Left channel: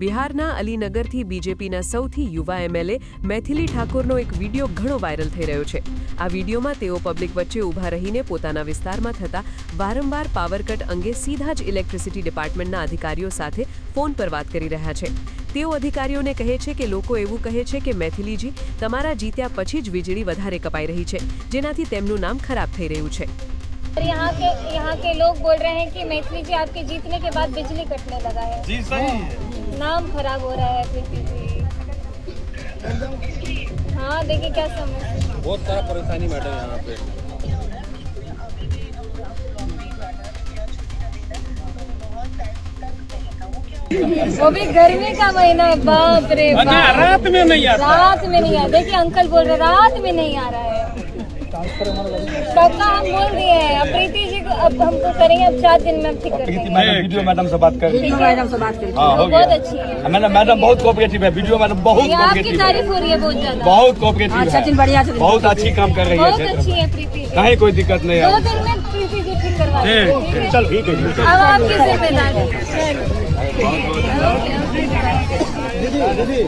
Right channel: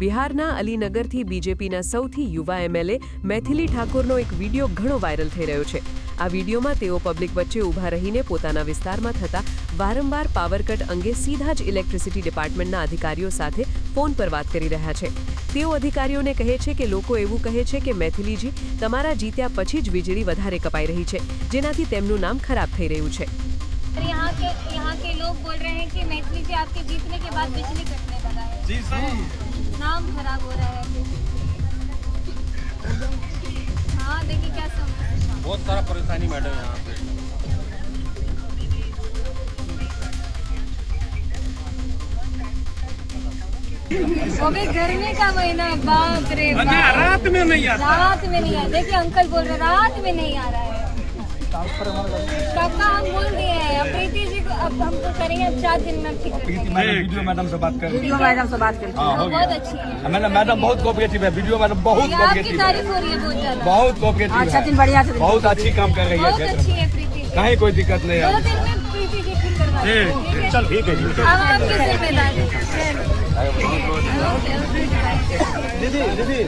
બિહારના અલીનગરથી બીજેપીના સૌથી યુવા એમએલએ મૈથિલી ઠાકોરનો એક વિડીયો ઘણો વાયરલ થઈ રહ્યો છે। આ વિડીયોમાં તેઓ પબ્લિક વચ્ચે ઊભા રહીને પોતાના વિસ્તારમાં થતા વારંવાર પાવર કટ અંગે સીધા જ ઇલેક્ટ્રિસિટી ડિપાર્ટમેન્ટના અધિકારીઓ સાથે ફોન પર વાત કરી રહ્યા છે। તેઓ અધિકારીઓને કહે છે કે લોકો એવું કહે છે કે મૈથિલીજી તમારા જીત્યા પછી જ વીજળી વધારે કપાઈ રહી છે, જેનાથી તેમનું નામ ખરાબ થઈ રહ્યું છે। यहाँ के लोग बोल रहे हैं कि मैथिली जी आपके जीतने के बाद बिजली कटने लगा है। जी सही, नाम खराब हो रहा है प्रीति जी। हाँ देखिए क्या समस्या, बहुत सारा परेशानी मैडम यहाँ पे। वो भी गर्मी का महीना है, बाप रे बाप। रात में नहीं आता, रात में नहीं आता। देखिए अंकल बोल रहे रात में नहीं आ रहा है। पक्का हम बोल दिए हैं, अब प्रीति जी को अब हमको करेंगे, अब 4 दिन में ठीक कर देंगे। वीडियो मैडम से बात कर, वीडियो मैडम से बात करके बहुत अच्छी है। मैडम बहुत कोऑपरेटिव है, वीडियो मैडम बहुत ये आपकी कोऑपरेटिव तारीफ हो रही है बहुत ज्यादा। बहुत कोऑपरेटिव है, बढ़िया, बहुत अच्छी काम कर रही बहुत है, अच्छी है प्रीति जी। कहीं कोई दिक्कत नहीं 2 है। दिन में प्रीति जी ठीक करवा देंगे। चल ठीक है, अब आपकी जिम्मेदारी दीदी